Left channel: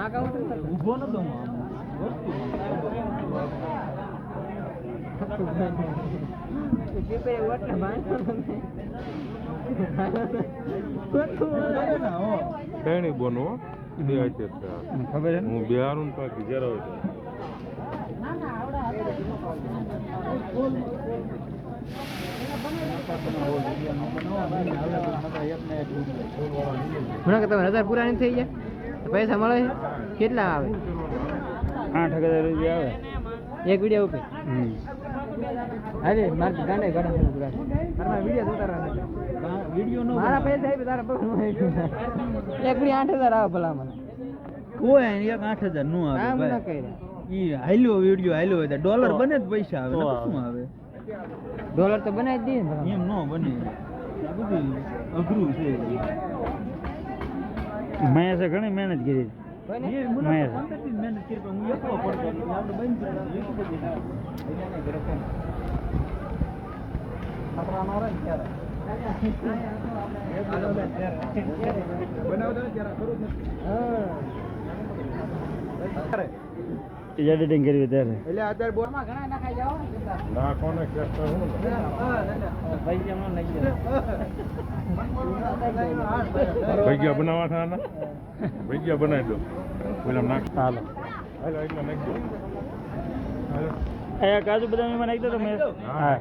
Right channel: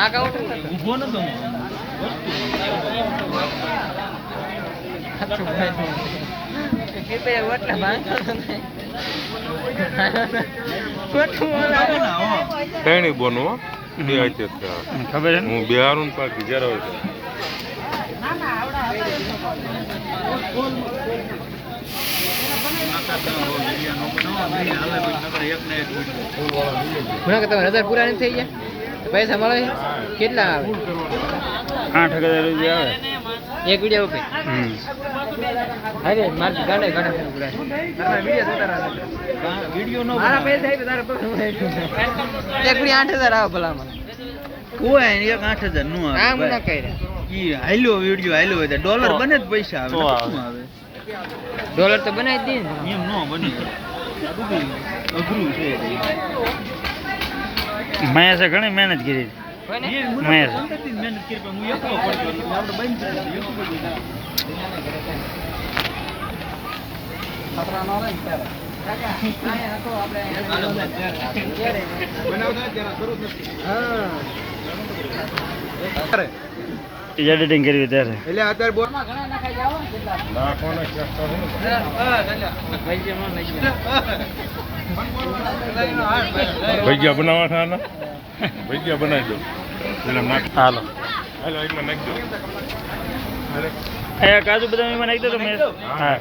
આ કાઉન્ટર ઊભો નતો હું કઈ બોનો ખબર હું બિહારું પાકી જયારે ₹1000 પૂરા નથી થઈ ગયા પૈસા મળે કેટલા આવે 8,000 રૂપિયા આવે એક વિડીયો ઉપર અરે મારે ગાડા ગાડા ફેર પૂરા તારા વિડીયો ઉતારવા વિડીયો નો મારા પૈસા આવી તારા પગ એક વિડીયો 8,000 આવે ભલા મને કોઈ એક 8,000 નો આવે કામ ન કર્યા ઈ હાલ્યો વિડીયો હાલ્યો હોય ડોલર બને જ પૈસા આવે શું આવે ડોલર તો બનાવી દઈએ ને એમ નો બને અઘરું છે મહેશે ઘણી મહેનત કરી મહેશ મહેનત કરી હું એકલો પડતો આપણે બંધ એડિટિંગ કરવી ત્યારે એટલે અત્યારે બોલ ભજીયા બનાવવાના ભજીયા બનાવી દો હાલો એમાં નાખી દો કાજુ બદામ એમાં નાખી દો તમે હા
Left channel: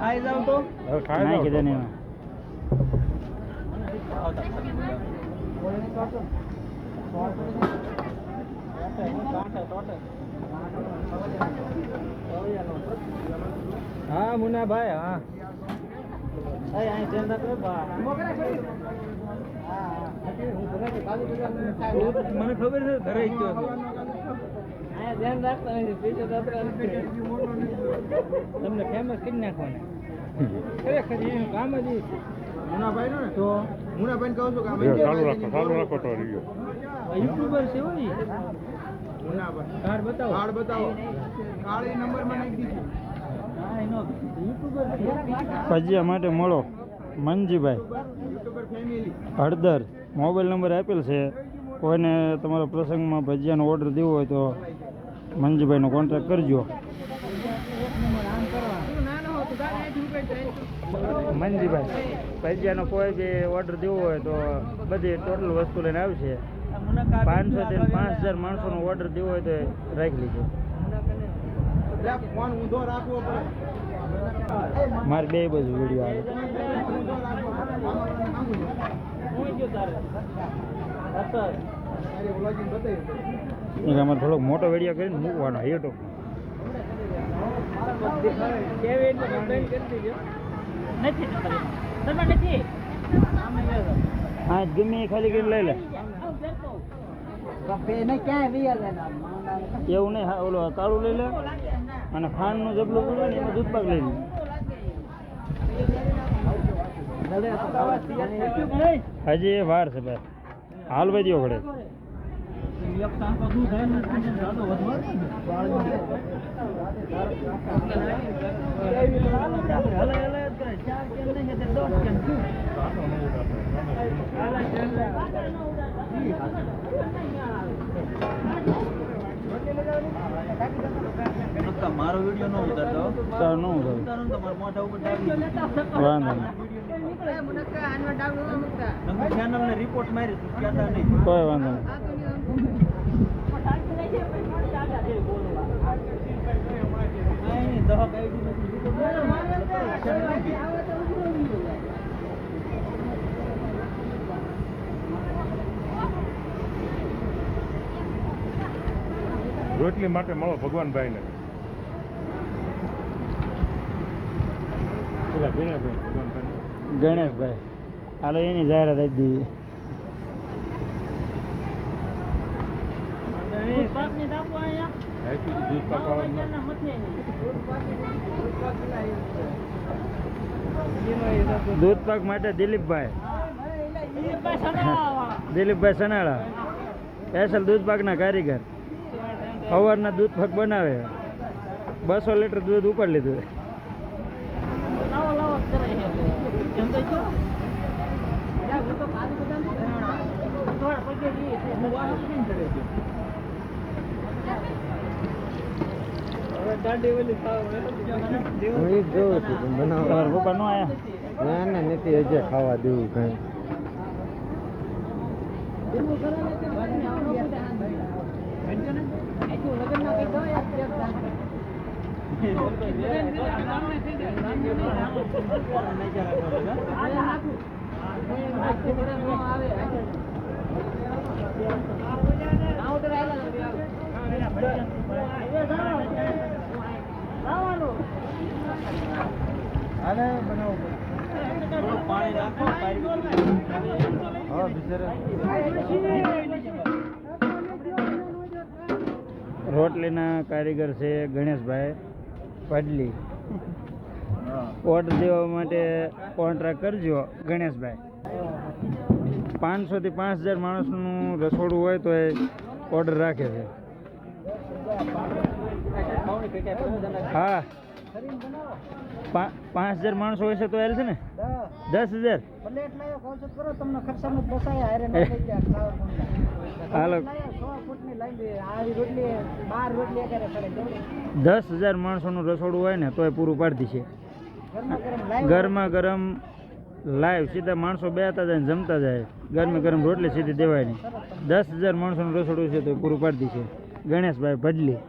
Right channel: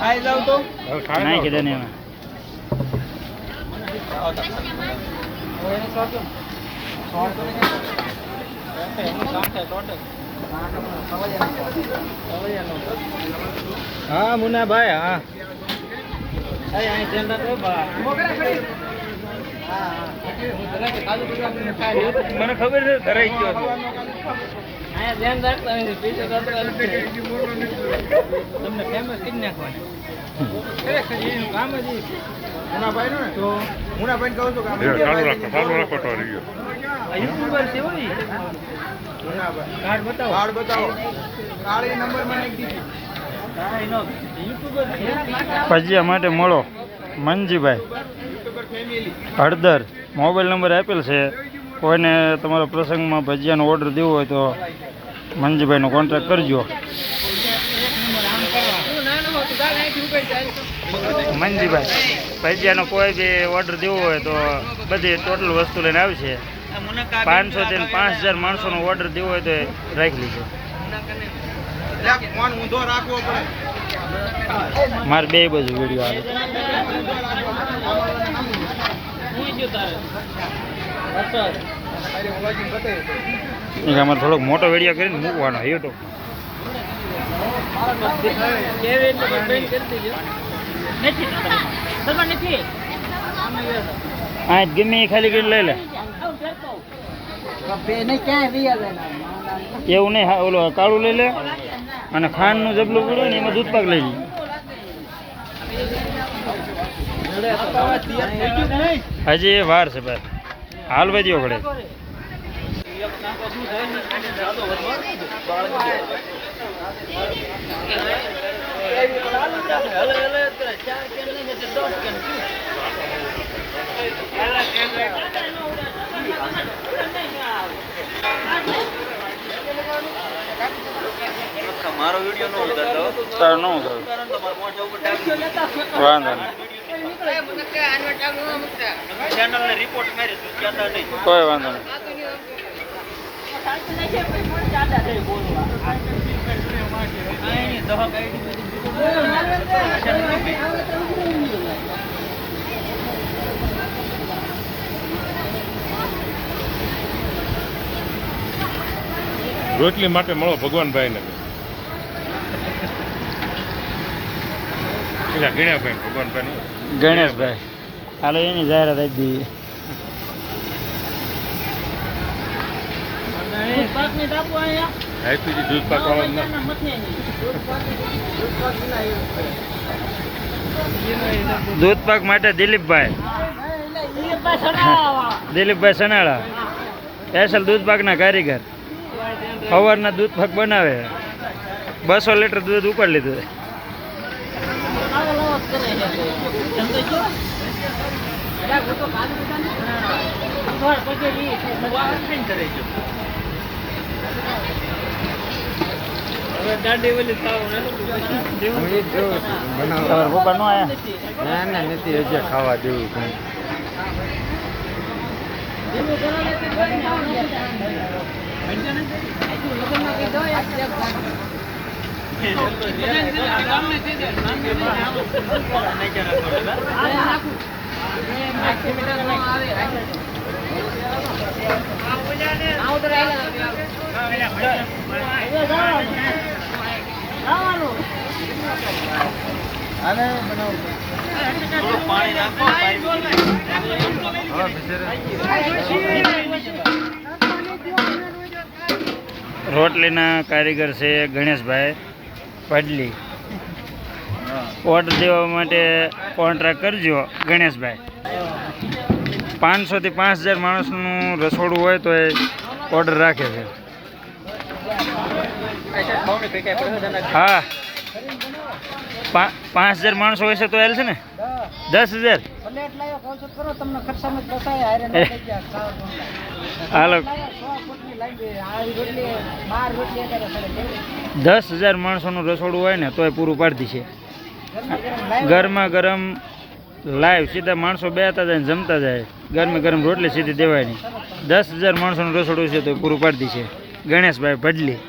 આઈ જાવ તો નાખી દે ને એમાં હા મુન્નાભાઈ હા મને ખબર છે ધરાઈ ગયો તમને ફેમસ કરી નાખવાના ખરેખર એનું કામ જ મુન્નાભાઈ નું ને તો મુન્નાભાઈ કહું છું ચાલુ રાખો તો રહ્યો યુટ્યુબર છે હોય કાર્ડ બતાવો કાર્ડ નંબર મને નાખી દીધો ભજીયા માટે મળો મનજીભાઈ હળદર મોબાઈલ નંબર આપેલ છે કોઈને તમારા પ્રસંગમાં ભજીયાનો ઓર્ડર દેવો હોય તો મનજીભાઈનો કોન્ટેક્ટ કરજો મનજીભાઈ ભજીયાનો કોઈ બી ઓર્ડર દેવો હોય તો બધી ટોટલ વસ્તુ લઈને આવશે 500 થી 5,000 માણસોનો ઓર્ડર દેવો હોય તો રાખી લીધો ફોન ઊંધો રાખવો પડે મારે બે બાજુ વિડીયો આવે અમારે થોડોક મોટો વિડીયો કરીને મૂકવાનો યુટ્યુબ હા ગમે એ ખાલી કરીને લઈ લે એવું નહીં ઓલો કાળું લઈ લે અને ખાંડનું જબલું પડે ને એમાં દૂધ પાક લઈ લે હજી એ વાર છે ભાઈ હાલ વધ્યો ઘડે મારો વિડીયો નો ઉતારતો તાર નો ઉતાર વાંધો નહીં ચેનલ ને રિપોર્ટ મારી કહેતા નહીં કોઈ વાંધો નહીં રોટલી માટે મળો ભગવાનભાઈ ને ગણેશભાઈ હાલો એની જાહેરાત આપી દઈએ દૂધ પાક માટે દિલીપભાઈ સનાળા સ્પેશિયલ દૂધ પાકના કારીગર સવારના દૂધ પાક બનાવે 200 લીટર દૂધ ઉપાડી લીધું હું એ જ જોઉં છું તમારા પપ્પા નો આયા ના નથી હજી ખાવા દેવું કઈ રોટલીના કારીગર છે ગણેશભાઈ પડલી. ઓર્ડર દેવા માટે કોન્ટ્રાક્ટ કરજો ગણેશભાઈ. 500 થી 5000 માણસનું રસોડું હોય તો એ ઓર્ડર રાખે છે. હા 5000 માણસો હોય છે તો એલ છે ને 10000 હાલો 10000 માણસોનું રસોડું હોય ને તો એ પૂરું પાડતી છે. ગરમા ગરમ લાઈવ સીધા માણસો બેસતા જાય ને જમતા જાય. ગરમા ગરમ રોટલી સીધી દેવાય નહીં. 10000 માણસોનું રસોડું છે તો એ પૂરું પાડતી છે ગણેશભાઈ ભડલી.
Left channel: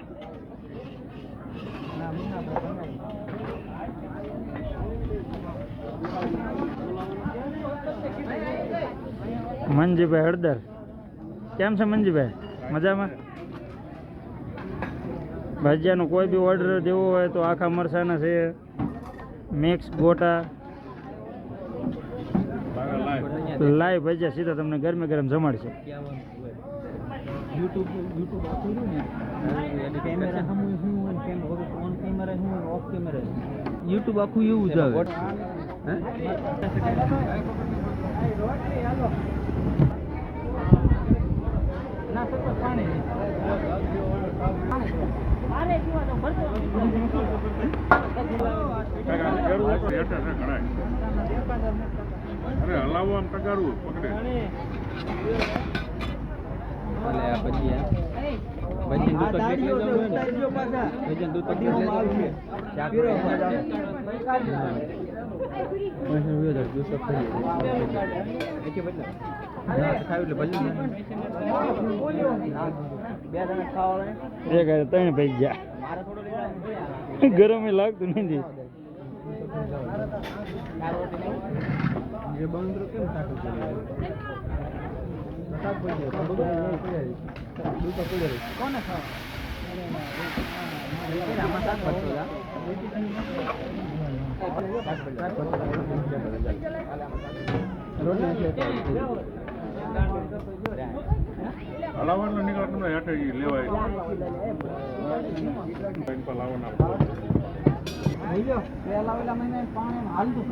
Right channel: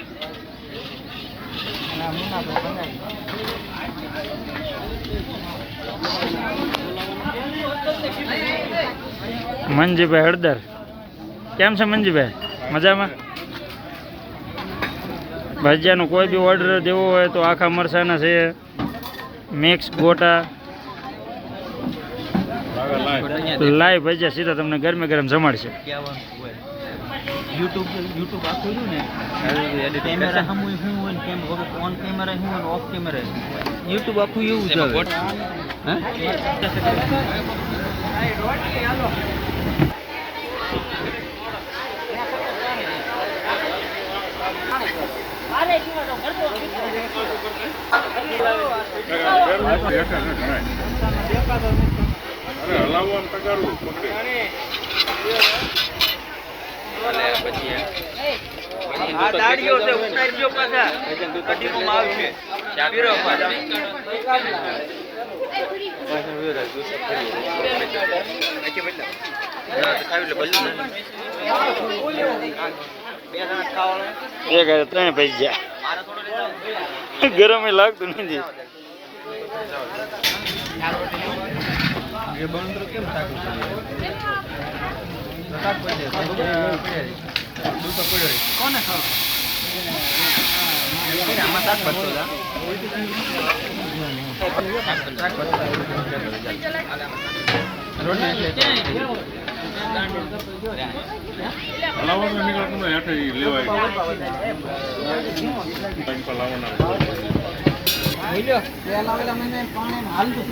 મંજીભાઈ હળદર કેમ છે મંજીભાઈ? મજામાં? ભજીયાનો કોઈ બી ઓર્ડર દેવો હોય તો આખા મરસાના છે, મિક્સ ગોટા, લાઈવ ભજીયા સીધા તમને ગરમે ગરમ જમાડશે. યુટ્યુબ આખું ને કેમેરા હમું હું હોય ને ઓન કેમેરા હું હોય ઓફ કેમેરા યુટ્યુબ આખું એવું જ આવે. હલાવવાનું તગારું પકડે ત્રણ ભજીયા ગરમ લાગતું નથી. કેમ કોને હલાવવાનું નીકળતું હેઠે લેવાય હાલતું